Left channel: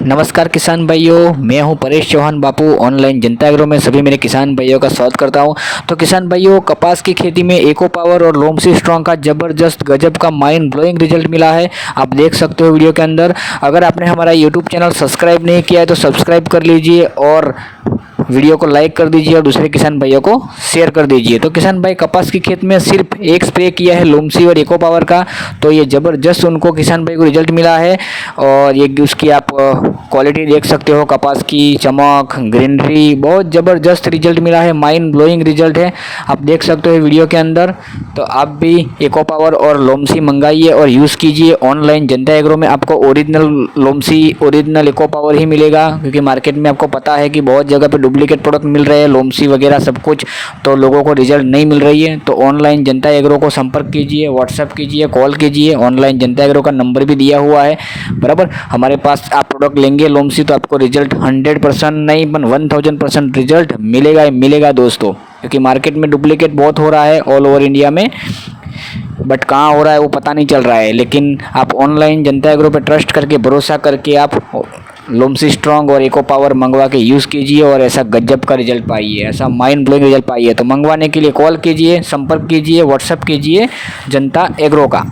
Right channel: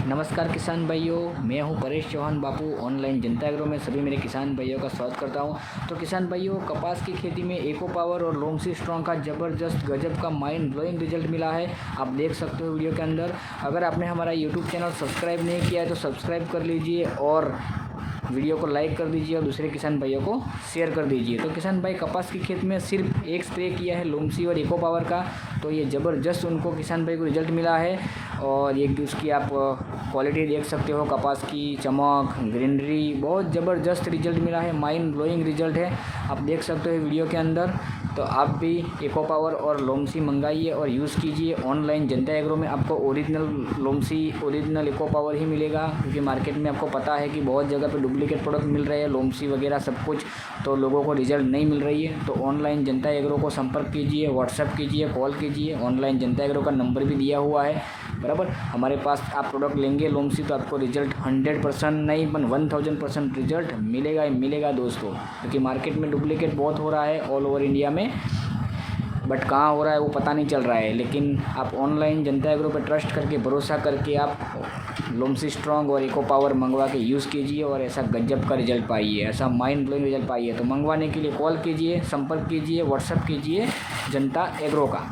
नमस्कार किसान भाइयों, मैं हूं परेश चौहान बापू। ऑनलाइन जनता एग्रो में सभी मेरे किसान भाइयों का स्वागत करता हूं। तो किसान भाइयों, कपास की खेती में एको पावर और लोमसी स्ट्रॉन्ग का ज़बरदस्त गजब का माइंड ब्लोइंग रिजल्ट मिला है। आप देख सकते हो वीडियो के अंदर। अगर आपने हमारा यूट्यूब चैनल सब्सक्राइब नहीं किया है तो सब्सक्राइब कर लीजिए और वीडियो को लाइक कर दीजिए और दूसरे किसान भाइयों को शेयर कर दीजिए। तो किसान भाई, कपास की खेत में सिर्फ एक स्प्रे किया है लोमसी और एको पावर का, तो ये ज़बरदस्त उनको किसान भाई को रिजल्ट मिला है। और ये उसकी आप क्वालिटी देख सकते हो, कपास की चमक, ग्रीनरी, बहुत ज़बरदस्त रिजल्ट मिला है। माइंड ब्लोइंग रिजल्ट है, आप देख सकते हो वीडियो के अंदर। तो आप भी एको पावर और लोमसी मंगाइए और यूज़ कीजिए। ऑनलाइन जनता एग्रो में आपको ओरिजिनल लोमसी, ओरिजिनल एको पावर ही मिलेगा, क्योंकि मार्केट में आपको पता है कि बहुत जगह पे डुप्लीकेट प्रोडक्ट मिल रहे हैं, लोमसी वगैरह सब कुछ, तो लोगों को रिजल्ट नहीं मिल रही है। तो ऑनलाइन जनता एग्रो को संपर्क कीजिए, व्हाट्सएप कीजिए, कॉल कीजिए। ऑनलाइन जनता एग्रो का नंबर भी दिया हुआ है, बराबर। हमारे पास आप प्रोडक्ट लेंगे लोमसी तो आपको रिजल्ट 100% नहीं, 1000% रिजल्ट मिलेगा ही मिलेगा दोस्तों, क्योंकि मार्केट में डुप्लीकेट बहुत हो रहा है ऑल ओवर इंडिया में, बट कहाँ हो रहा है वो पता नहीं चल रहा है। लेकिन आप ऑनलाइन जनता एग्रो पे ट्रस्ट करके, भरोसा करके आप लोमसी स्ट्रॉन्ग और एको पावर मंगवा के यूज़ कीजिए और ऐसा गजब का रिजल्ट पाइए, ऐसा माइंड ब्लोइंग रिजल्ट पाइए। तो मंगवाने के लिए कॉल कीजिए, संपर्क कीजिए, व्हाट्सएप कीजिए जनता एग्रो का।